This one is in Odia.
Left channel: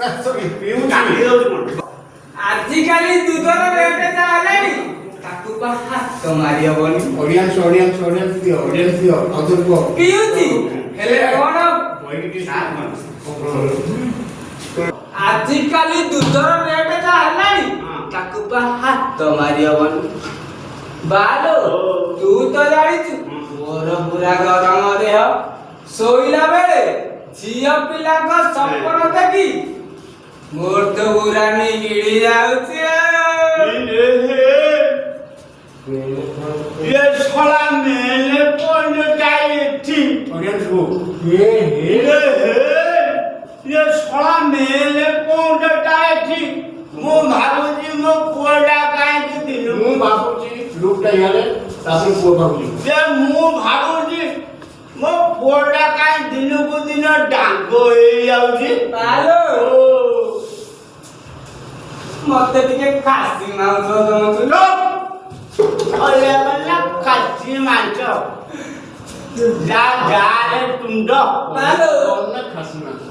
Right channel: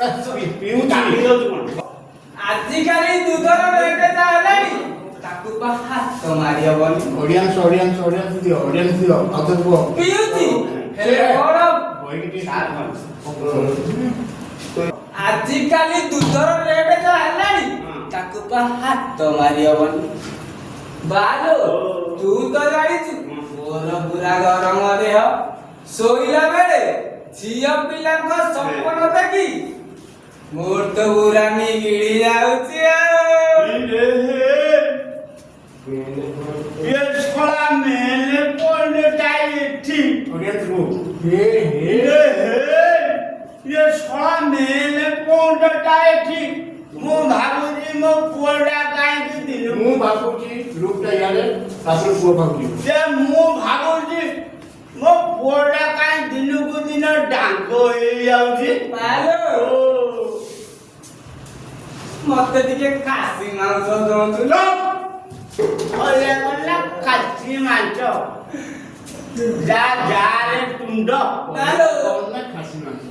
ପିଉ ଚାଲି ଯାଉଛି କଣ? ଆଜିକାଲି ଦୁଧର ରେଟ୍ ଯାହା ହେଲାଣି ତାକୁ କଣ ହାତ ମାରି ହବନି। ଅଡ଼ିଆନ୍ସ ଦିଅ ଆଦର କୁହ। ପିଉଛି ହେଲେ କଣ ଆଜିକାଲି ଦୁଧର ରେଟ୍ ଯାହା ହେଲାଣି ତାକୁ ପା ହାତ ମାରି ହବନି। ବାଲୋ ତୁ ତ ଜାଣିଛୁ ମୋର ପୁରା ଗରମ ଦେହ। ଶୋଇଲା ବେଳେ ଝିଅ ପିଲାଙ୍କ ସପନ ଦେଖି ମୋର ତ ପୁରା ନିଗିଡି ଯାଉଛି ये साला मैंने पढ़ने चाहिए थी ये साला मैंने पढ़ने चाहिए थी मो भाबुजी मो पुअडा काहे के दिनु ମୁଁ ଭାବୁଛି ଲୁକଟା ଇଆଡ଼େ ତାପରେ ପୁଅ ଭାବୁଛି। जे मो भाबुजी मो पुअडा काहे दिनु को दिन डांग होई जाउची ବାଲୋ ମତେ ଟିକେ ଖାସି ମାଂସ ଦଉଛୁ ଲୋ। ओले वाला खाची मांस जा जा रे तुंड ବାଲୋ ନା ଖାସି ମାଂସ